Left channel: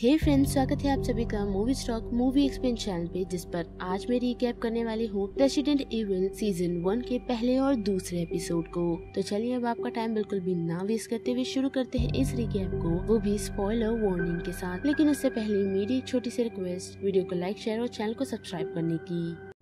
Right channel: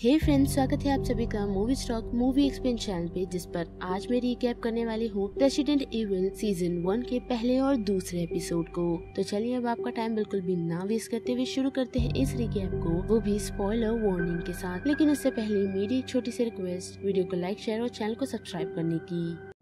हे friends, स्वागत है आप सभी का movie stock movie explain channel पे, जिस पर आज मैं रिकैप करने वाली हूँ रेसिडेंट एविल सीजन 1 के पहले और दूसरे एपिसोड को। तो चलिए अब आपका टाइम बिल्कुल भी ना वेस्ट करते हुए शुरू करते हैं इस रिकैप को, वो भी स्पॉइलर वार्निंग के साथ। लेकिन उससे पहले मेरी एक छोटी सी रिक्वेस्ट, वीडियो को लाइक, शेयर और चैनल को सब्सक्राइब करने की।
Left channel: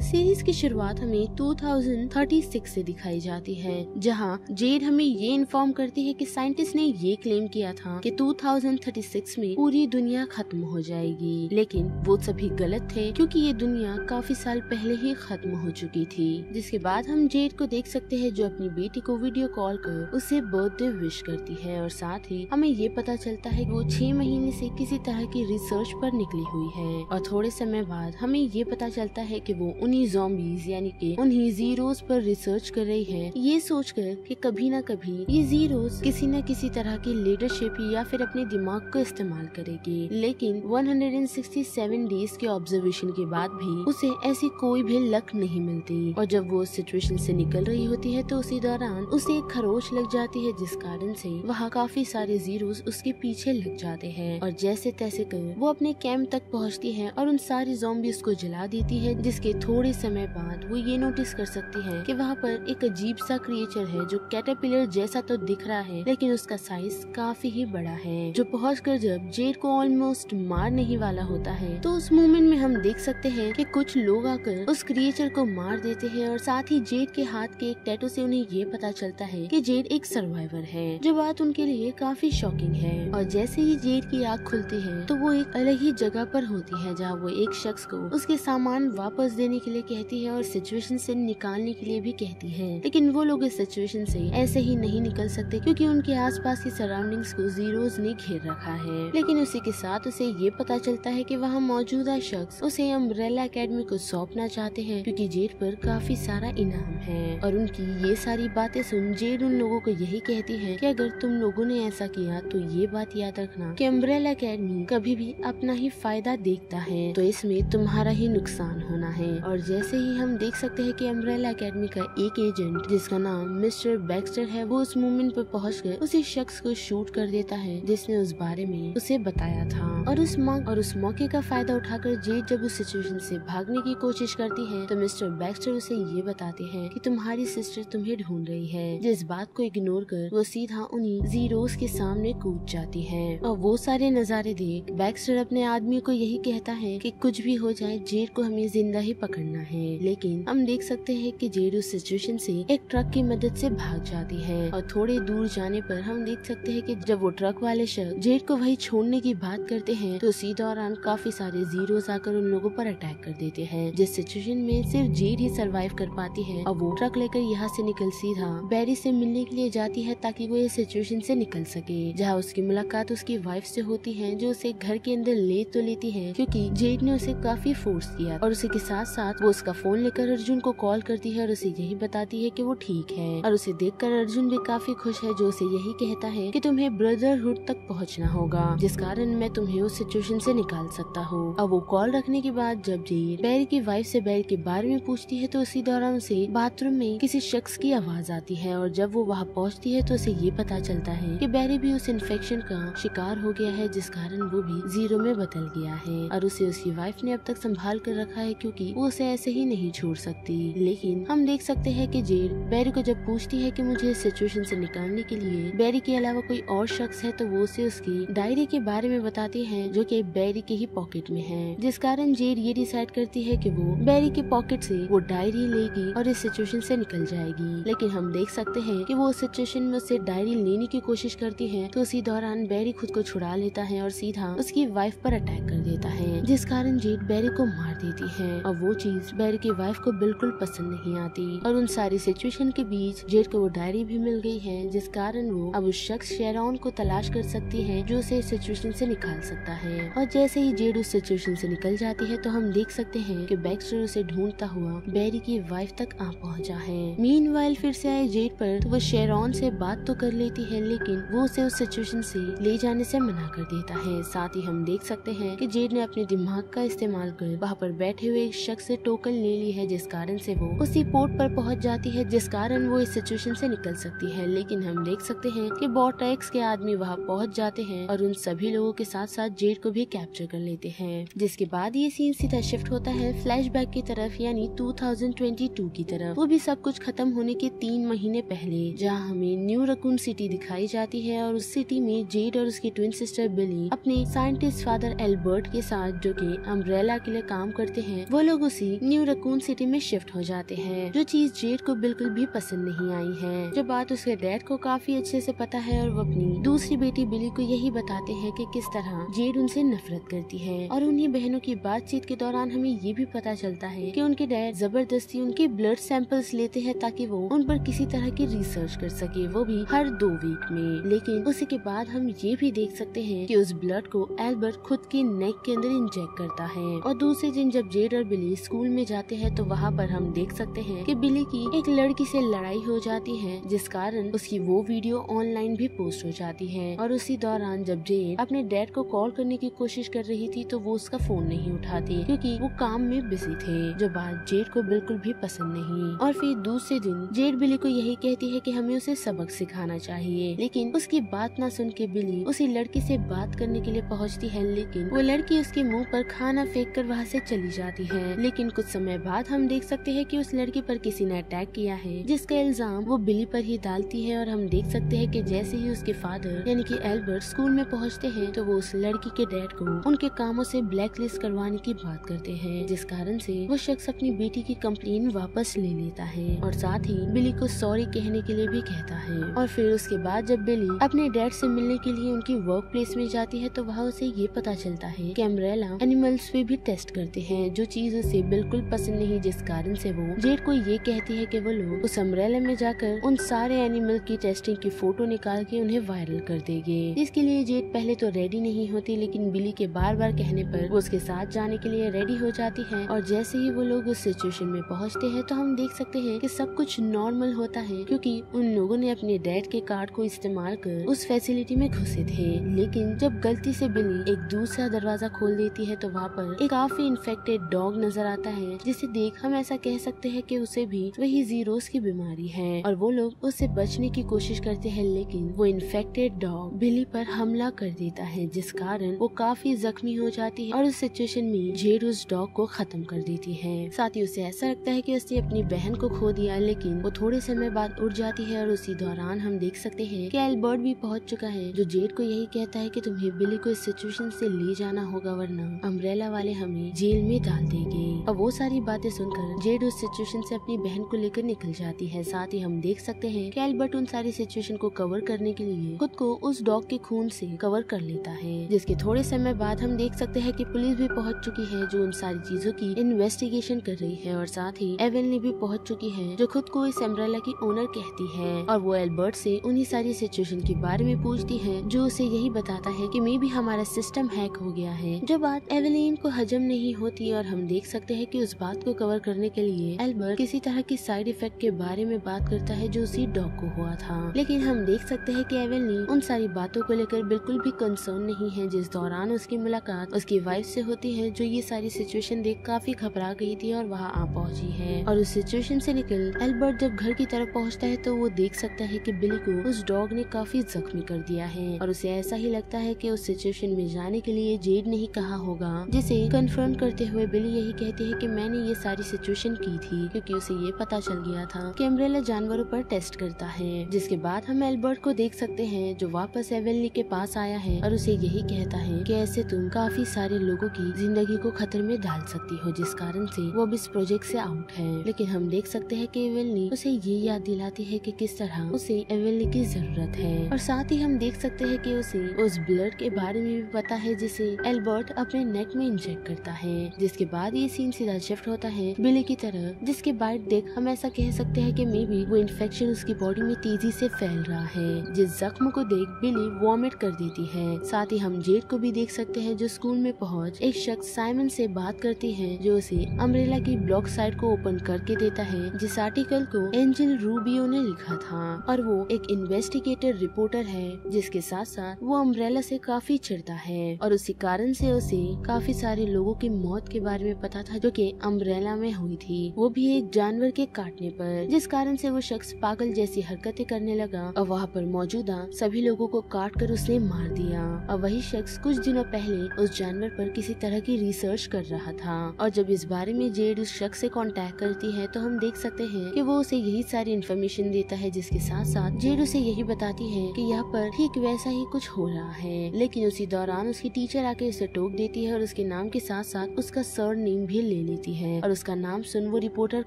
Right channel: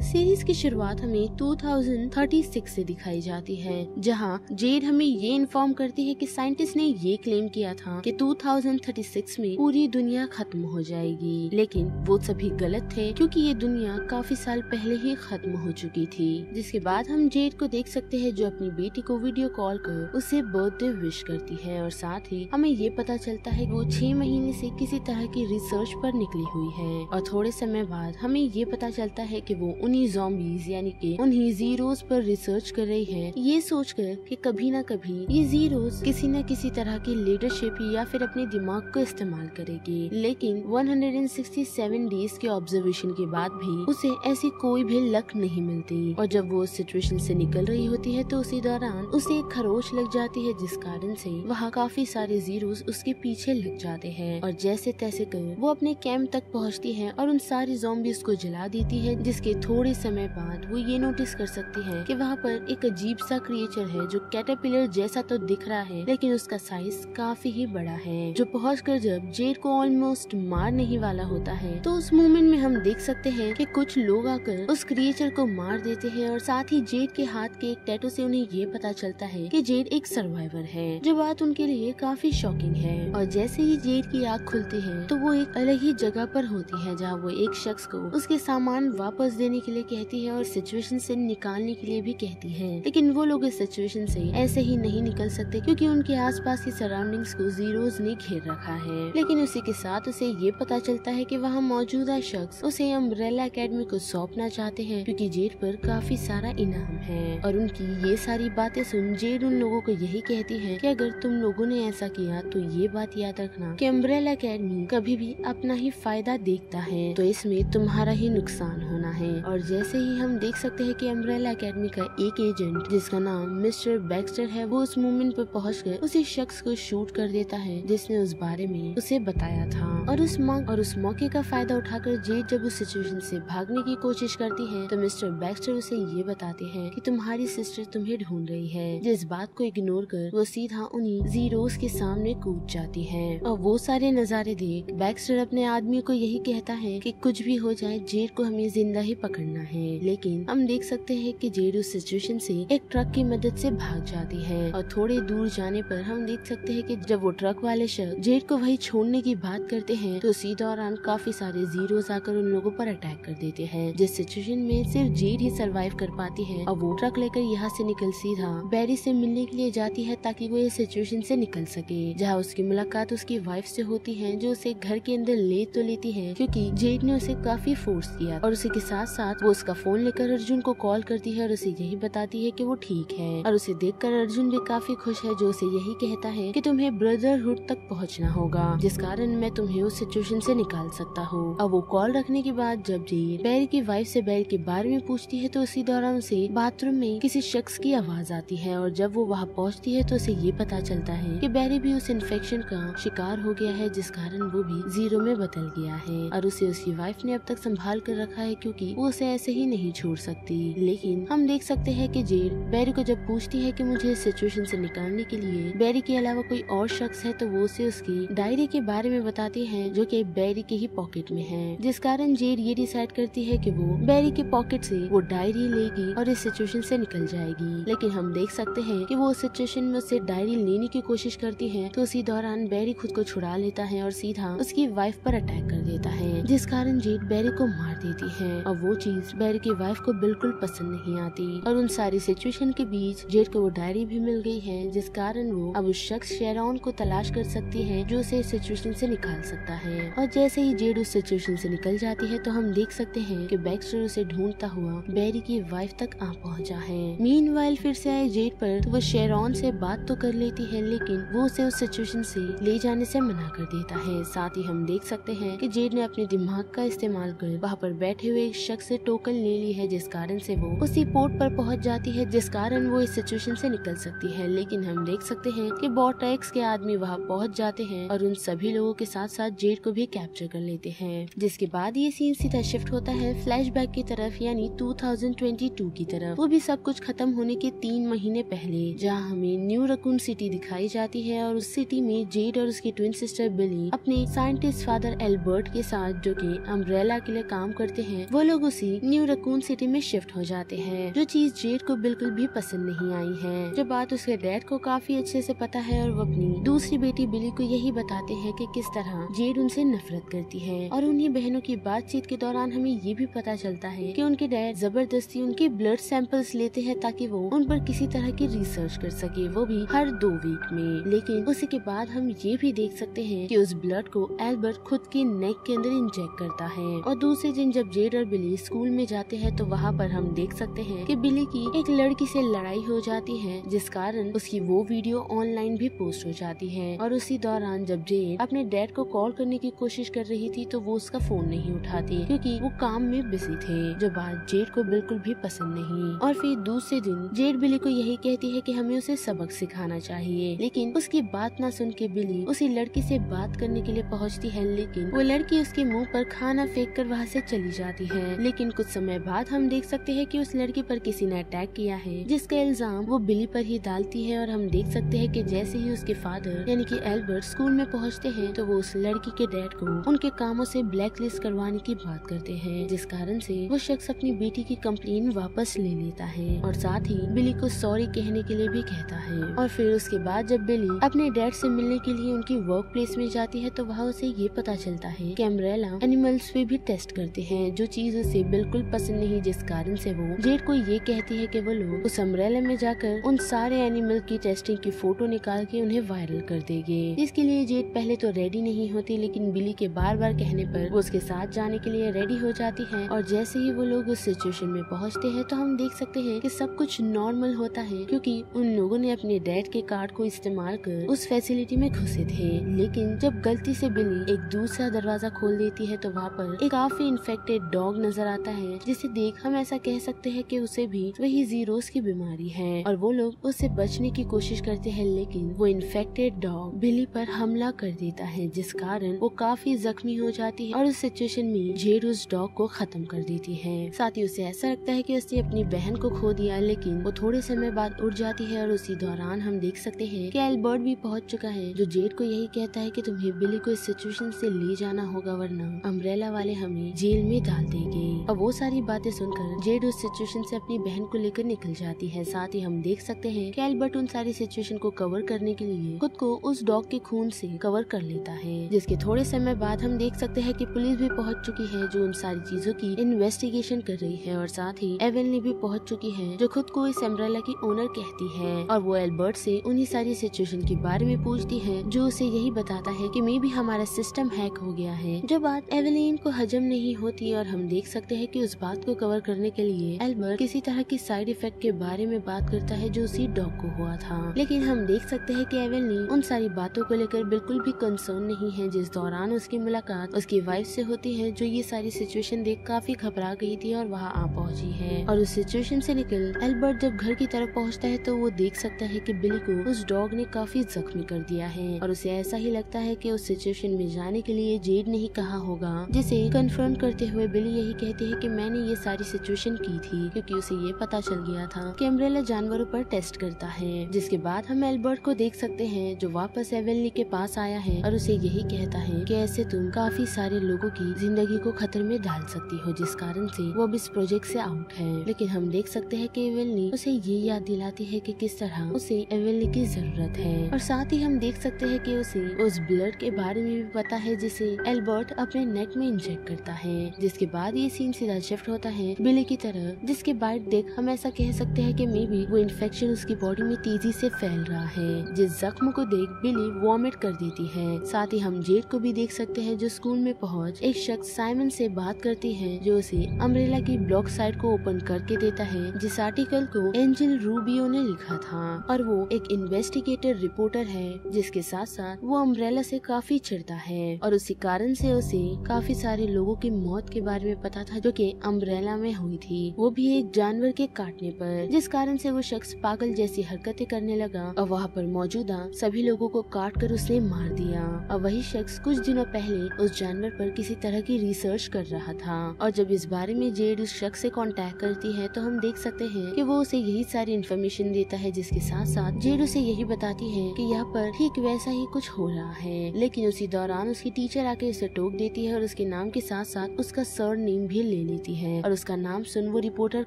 सीरीज की शुरुआत हमें 2036 से दिखाई जाती है, जहां जेड हमें ये इन्फॉर्म करती है कि साइंटिस्ट ने ये क्लेम किया था कि 2036 में पूरी दुनिया खत्म हो जाएगी, लेकिन वो सभी गलत थे क्योंकि ये दुनिया काफी साल पहले ही खत्म हो चुकी थी। जिसके बाद हम जेड को देख सकते हैं जो अपनी बेटी को वीडियो कॉल कर उसे बर्थडे विश करती है, और साथ ही हमें ये पता चलता है कि वो 6 महीने से किसी तरह की रिसर्च पर निकली हुई है। और थोड़े समय बाद हमें ये पता चलता है कि वो उन्हीं ज़ॉम्बीज़ यानी कि उन्हीं जीरोस पर रिसर्च कर रही है, ये सोचकर कि कभी न कभी ये जीरोस किसी न किसी तरह की लीडरशिप या फिर अपने दिमाग को इस्तेमाल करेगी। लेकिन 167 डेज के ऑब्जर्वेशन के बाद भी उसे ऐसी कोई भी लक नहीं मिलती, और जब वो सिचुएशन से निकल रही होती है तो उसी दौरान उसे एक खरोच लग जाती है, जिस कारण से वहाँ काफी सारे जीरोस उसके पीछे लग जाते हैं। और जैसे तैसे कर वो अपने कैंप तक पहुँचती है और उन सारे ज़ॉम्बीज़ को जला देती है। जिसके थोड़े समय बाद वो ये नोटिस कर सकती है कि वहाँ पर एक अजीब सा क्रिएचर है जो कैटरपिलर जैसा तो दिख रहा है, लेकिन उसका साइज काफी ही बड़ा है। जो पहुंचकर जब जेड को ऑलमोस्ट मार नहीं वाला होता है, तो उस मोमेंट में हम देख सकते हैं कि कुछ लोग आकर उस क्रिएचर को मार देते हैं, और साथ ही जेड के हाथ के एक टैटू से उन्हें ये पता चलता है कि जेड एक सर्वाइवर है, जो बात उनके लिए काफी शॉकिंग है। और जैसे ही जेड की आँख खुलती है तो वो एक अलग ही जगह पर होती है, जहाँ वो एक शख्स को उसके सामान वापस देने के लिए कहती है और सिचुएशन से निकालने के लिए भी कहती है। लेकिन वो लोग इस सिचुएशन से ऐसे ही नहीं निकल सकते क्योंकि उनके आसपास की सराउंडिंग्स को जीरोस ने घेर रखा है। लेकिन उसी के साथ उसे ये पता चलता है कि वहाँ मौजूदा शख्स उसे अम्ब्रेला एकेडमी को सौंपना चाहते हैं, क्योंकि जेड पर काफी सारा इनाम है। और उनकी ये सारी बातें सुन जेड उन लोगों को यही कहती है कि अगर तुम लोगों ने ऐसा किया तो ये बात याद रखना कि अम्ब्रेला एकेडमी कभी भी अपना ही फायदा देखता है, तो इसमें तुम्हारा ही नुकसान होना है। और जैसे ही हम देख सकते हैं कि अम्ब्रेला एकेडमी का एक एजेंट जिसका नाम मिस्टर बैक्स्टर है, वो उस मोमेंट पर पहुंचकर उसी शख्स को शूट कर देता है जिसने उस बारे में उसे बताया था। और उस मौके का फायदा उठाकर जेड जब उस सिचुएशन से भागने की कोशिश करती है, तो मिस्टर बैक्स्टर उसे ये बताती है कि तुम्हारी सिस्टर तुम्हें ढूंढ रही है। जिस बात को इग्नोर कर वो सीधा उन्हीं जीरोस के सामने कूद जाती है। और वो सारे नजारे देख बैक्स्टर अपने आदमी को यही कहता है कि कुछ भी हो जाए जेड को हमें जिंदा ही पकड़ना है। लेकिन हम देख सकते हैं कि जेड उस सिचुएशन से एक ट्रक की मदद से भाग जाती है, और थोड़े दूर जाने पर हम देख सकते हैं कि जब वो ट्रक वाले शख्स जेड को वही छोड़ने की बात करते हैं, तो इसी दौरान काफी सारे जीरोस आकर उन लोगों पर अटैक कर देते हैं। जिस सिचुएशन में सिर्फ जेड ही सरवाइव कर पाती है, और वो ट्रक लेकर यहाँ से निकल सीधा बैरी से मिलने के लिए जाती है ताकि वो इस सिचुएशन से निकल सके। जहाँ उसकी मुलाकात उसकी वाइफ से होती है, जो उसे घर के अंदर ले तो लेती है क्योंकि जेड ने उसे काफी फोर्स किया, और उसी के साथ साथ वो उसका फोन लेकर अर्जुन को कॉल करती है और उसे यही बताती है कि वो ठीक है। और उसे देखकर अर्जुन भी काफी खुश है, जो उसे यही कहता है कि तुम्हें ब्रदरहुड तक पहुंचना होगा, जिस कारण मैं तुम्हें उस सिचुएशन से निकाल सकता हूँ। अब वो कॉल रखने के बाद जब जेड बैरी की वाइफ से बैरी के बारे में पूछती है, तो उसी दौरान उसे बाथरूम में किसी शख्स की आवाज आती है, और जब वो वहाँ पहुँचती है तो उसे ये पता चलता है कि बैरी भी उस इन्फेक्शन का शिकार हो गया है, जिस कारण वो भी जीरो में बदल गया है। और उसे उसकी वाइफ ने अब तक संभाल कर रखा है क्योंकि वो उसे ऐसे ही नहीं छोड़ सकती। लेकिन हम देख सकते हैं कि जेड बैरी को जब पूछती है कि मुझे इस सिचुएशन से निकालने के लिए बैरी के अलावा कोई और शख्स है, तो वो उसे उसकी डायरी के बारे में बताती है, जो कि बैरी के ही पॉकेट में है, जिस कारण जेड ये डिसाइड करती है कि वो बैरी के पॉकेट से वो डायरी लेगी और इस सिचुएशन से निकल जाएगी। लेकिन हम देख सकते हैं कि वो उस सिचुएशन में उससे डायरी लेने की कोशिश करती है, तो उसी दौरान बैरी खुद को छुड़ा लेता है और सीधा उसकी वाइफ पर अटैक कर देता है, जिस कारण जेड बैरी को मार देती है। और वो चीज बैरी की वाइफ को बिल्कुल पसंद नहीं आती, और उन सारी सिचुएशन के बीच जेड को वो डायरी भी मिल गई है, जिस कारण वो अब उस शख्स शेरॉन को तलाश कर सकती है जो उसे इस सिचुएशन से निकाल सकता है। और जैसे ही जेड उस सिचुएशन से निकल जाती है, तो हम देख सकते हैं कि बैक्स्टर उसे ढूंढता हुआ बैरी की वाइफ तक आ पहुंचा है। मीनवाइल फिर से आए जेड पर तो वो शेरॉन से बात तो कर लेती है, लेकिन वो उसे उस सिचुएशन से ले जाने से मना कर देता है। साथ ही हम देख सकते हैं कि जेड ने अपने दिमाग का इस्तेमाल कर वहाँ पर बैठे हुए एक शख्स से टोकन ले ली है, जिस कारण से वो उसी पोर्ट पर पहुँच जाती है, जिस कारण वो इस सिचुएशन से निकल सकती है। लेकिन हम देख सकते हैं कि बॉर्टेक्स के आदमी वहाँ पहुँच जाते हैं और उन सभी लोगों के साथ साथ जेड को भी कैप्चर कर लेते हैं। जिसके बाद ये सीन सीधा शिफ्ट होता है फ्लैशबैक की तरफ, यानी 2022 की तरफ। वो भी सब कुछ खत्म होने के 3 महीने पहले, जहाँ हमें न्यू रकून सिटी दिखाई जाती है और उस सिटी में जेड और उसकी ट्विन सिस्टर बिली अपने साइंटिस्ट फादर एल्बर्ट के साथ, जो कि अम्ब्रेला के लिए काम करते हैं, वो लोग उसी न्यू रकून सिटी में शिफ्ट हो जाते हैं। जो चीज जेड को बिल्कुल भी पसंद नहीं आई है। जो बात उसके डैड को काफी अच्छे से पता है और वो अपनी दूसरी बेटी बिली को यही बताते हैं कि किस तरह जेड उनसे नफरत करती है। और उन्हीं बहनों की बातचीत के दौरान हमें ये भी पता चलता है कि उनके डैड जबरदस्ती उनके ब्लड सैंपल्स लेते हैं ताकि वो उन पर किसी तरह की रिसर्च कर सके, वो भी हर 2 वीक में। लेकिन उसी के बाद हम ये भी देख सकते हैं कि उस ब्लड को एल्बर्ट खुद की नेक के अंदर इंजेक्ट करता है। और दूसरे दिन जब जेड और बिली स्कूल में जाते हैं तो वहाँ पर हम देख सकते हैं कि बिली की एक लड़की से लड़ाई हो जाती है, जिस कारण उसकी वो वीडियो ऑनलाइन भी पोस्ट हो जाती है। और उसी दौरान जब जेड अपने डैड को कॉल करने की कोशिश कर रही थी तो वो उसका फोन नहीं उठाती क्योंकि वो काम में बिजी थे, जो बात जेड को बिल्कुल भी पसंद नहीं। और फिर दूसरे दिन जेड बिली को यही कहती है कि हमें उसे सबक सिखाना चाहिए, लेकिन उसकी बात ना सुन के बिली उसी लड़की से बात करने के लिए पहुंचती है, लेकिन वो लड़की उसके मुंह पर खाना फेंक कर वहाँ से चली जाती है। लेकिन कुछ समय बाद हम देख सकते हैं कि उस लड़की पर किसी ने अटैक किया है, जिसका इल्जाम वो बिली पर ही डालती है। और हम देख सकते हैं कि जैसे ही उसके फादर यानी कि एल्बर्ट स्कूल में पहुँचते हैं तो वो उस लड़की के डैड को उनके कामों से ब्लैकलिस्ट करवाने की बात करते हैं, जिस कारण से वो शख्स अपनी बेटी की कंप्लेन वापस ले लेता है और साथ ही बिली को सॉरी कहने के लिए भी कहता है। और फिर उसके बाद जब बिली अपने डैड से मिलने के लिए उनकी वर्क प्लेस में जाती है तो वहाँ उसे ये पता चलता है कि अम्ब्रेला एनिमल्स पे भी टेस्ट करते हैं, जो चीज उसे बिल्कुल पसंद नहीं, जिस कारण से वो जेड को ये कहती है कि वो लोग उस अम्ब्रेला में जाकर उन सारे एनिमल की टेस्टिंग की फोटो निकाल के उन्हें वायरल कर देंगे। इसके लिए जेड पहले तो रेडी नहीं होती, लेकिन बिली के बार बार कहने पर वो उसके साथ जाने के लिए रेडी हो जाती है। और जैसे ही वो लोग उस सिचुएशन में पहुंचते हैं तो हम देख सकते हैं कि सब कुछ नॉर्मल होता है, क्योंकि उन लोगों ने अपने डैड के कार्ड को इस्तेमाल कर उस फैसिलिटी में घुसे थे। लेकिन जब गलती से बिली एक दूसरा दरवाजा खोल देती है तो वहाँ पर एक काफी इन्फेक्टेड डॉग नजर आता है, जिसे देख हम ऐसा कह सकते हैं कि उसे भी वही जीरोस की बीमारी है। और वो लोग उससे बचने की कोशिश करते हैं, लेकिन वो इन्फेक्टेड डॉग बिली पर हमला कर देता है, जिस कारण वो काफी जख्मी हो जाती है। और उस सिचुएशन में जेड उस डॉग को खत्म कर देती है। साथ ही उसे ऐसा लगता है कि उसने अपनी बहन को खो दिया, लेकिन वो थोड़े समय बाद उड़ जाती है। और उसी दौरान हम देख सकते हैं कि एल्बर्ट भी पहुंच चुका है, जो जेड को यही कहता है कि तुम्हें बिली को इस सिचुएशन से ले जाना होगा, वरना अम्ब्रेला वाले हमें जेल में डाल देंगे। और वो सारी बातें सुनकर जेड उस सिचुएशन से अपनी बहन को लेकर निकल जाती है। साथ ही हम देख सकते हैं कि एल्बर्ट उन सारी सिचुएशन को कवर करने के लिए खुद को उस डॉग के खून से कवर कर लेता है, जिसके थोड़े समय बाद हम देख सकते हैं कि पुलिस भी पहुंच चुकी है, जो उन सारी चीजों की इन्वेस्टिगेशन कर रही है। और साथ ही एवेली भी पहुंच चुकी है, जो खुद को इस अम्ब्रेला की ओनर कहती है। और वो एल्बर्ट से उन्हीं सारी सिचुएशन के बारे में पूछती है, जो उसे यही बताता है कि मे भी हमारा सिस्टम हैक हो गया है, जो बात एवेलिन को हजम नहीं होती। और हम देख सकते हैं कि उस बात को कवर करने के लिए एल्बर्ट किसी तरह की साइड इफेक्ट के बारे में बात करता है, जो उसी डॉग को हुआ था। लेकिन हम देख सकते हैं कि एवेलिन उन सारी बातों को लेकर बिल्कुल भी कंसर्न नहीं है, जिस दौरान उसकी मुलाकात उसकी वाइफ से होती है, जो ये सारी सिचुएशन देख काफी घबरा गई थी और वहाँ आ पहुंची है। और उस सिचुएशन से निकल एल्बर्ट जब घर की तरफ पहुँचता है तो वो देख सकता है कि बिली को उस डॉग ने काफी जख्मी कर दिया है। और उसे ऐसा ही लगता है कि उस सिचुएशन में जाने के लिए जेड ने ही कहा होगा, जिसे कन्फर्म करते हुए बिली यही कहती है कि मैंने ये सारी सिचुएशन की थी क्योंकि उसे ये पता चल गया था कि अम्ब्रेला जानवरों पर टेस्ट करता है। जिसके बाद हम एल्बर्ट को देख सकते हैं, जो वापस एवेली के पास आया है और उसे यही कहता है कि ऐसे तुम काफी सारे लोगों की जिंदगी को खतरे में डाल सकती हो, जिस कारण से वो अब इस प्रोजेक्ट से आउट है। लेकिन हम देख सकते हैं कि एवेली उसे ये याद दिलाती है कि किस तरह उसे एवेली की जरूरत है। और साथ ही हम देख सकते हैं कि उसे उस ब्लड के बारे में भी पता है, जिसे एल्बर्ट अपने नेक में इंजेक्ट करता है। जिसके बाद ये सीन सीधा शिफ्ट होता है बिली की तरफ, जिसके बाइट देख हम ऐसा कह सकते हैं कि मे बी वो इन्फेक्शन उसकी बॉडी में तेजी से फैल रहा है। जिस जख्म को देख बिली वॉमिट कर देती है। साथ ही हम जेड को भी देख सकते हैं जो स्कूल में पहुंच एक शख्स साइमन से बात करती है जो उसे अम्ब्रेला की ब्लॉग साइट को ओपन करके देता है जिस आर्टिकल को एंजल रूबियो ने लिखा था, और वो एक इन्वेस्टिगेटर रिपोर्टर है जिसके साथ साथ वो अम्ब्रेला से काफी चिढ़ता है और उसी कारण से उसे काफी सारे लोगों की मौत के बारे में पता था जो कि अम्ब्रेला में हुई थी, वो भी एक जानवर के काटने पर, जिस कारण से वो शख्स पागल जैसी हरकतें करने लगा और वहाँ पर मौजूदा सभी लोगों को काट कर उसने मार दिया। और वही शख्स कुछ दिनों पहले उस जानवर पर किसी तरह की रिसर्च कर रहा था, और जब इस बारे में जेड उस शख्स से कांटेक्ट करती है तो हम देख सकते हैं कि वो उसे यही सारी इन्फॉर्मेशन देता है, जिसके साथ साथ जेड उसे यही बताती है कि यहाँ पर ठीक वैसा ही कुछ हो रहा है। लेकिन उसी दौरान उसकी टीचर आके उसे टोक देती है और उसके नाम के साथ साथ उसका सर नेम भी ले लेती है, और उसका नाम सुन वो रिपोर्टर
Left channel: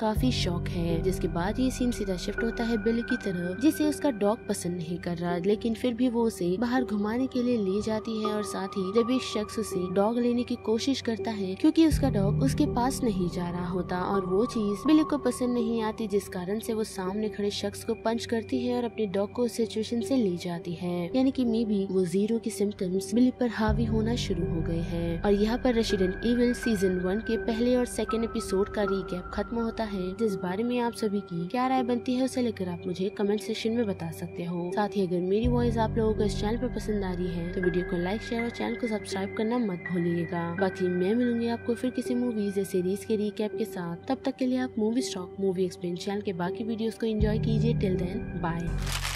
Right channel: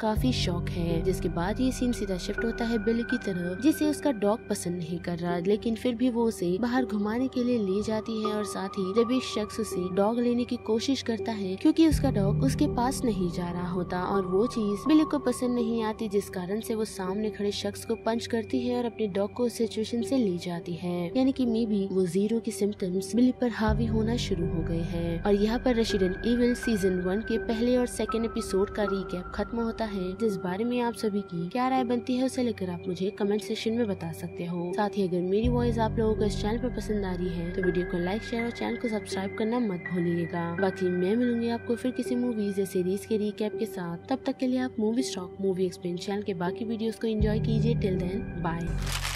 काफी शॉक है। जिसके बाद ये सीन सीधा शिफ्ट होता है बिली की तरफ, जिसे उसका डॉग पसंद नहीं कर रहा, लेकिन फिर भी वो उसे बाहर घुमाने के लिए ले जाती है। और साथ ही जब एक शख्स उसे डॉग लेने की कोशिश करता है क्योंकि उसका डॉग उसके पास नहीं जा रहा होता, और वो चीज बिली को पसंद नहीं आती, जिस कारण से वो सामने खड़े शख्स को पंच करती है और अपने डॉग को उस सिचुएशन से ले जाती है। यानी कि मे बी वो जीरो के सिम्टम्स बिली पर हावी होना शुरू हो गए हैं। और यहाँ पर रेसिडेंट इविल सीजन 1 के पहले और सेकेंड एपिसोड का रिकैप खत्म होता है, जिस बारे में आप सभी की क्या राय बनती है उसे लेकर आप मुझे कमेंट सेक्शन में बता सकते हो। साथ ही अगर मेरी वॉइस आप लोगों को इस चैनल पर पसंद आ रही है तो वीडियो को लाइक, शेयर और चैनल को सब्सक्राइब करना मत भूलिएगा। बाकी मैं मिलूंगी आपको फिर किसी मूवीज या सीरीज के रिकैप के साथ। तब तक के लिए आप movie stock movie explain channel के बाकी वीडियोस को एंजॉय कीजिए। Till then bye.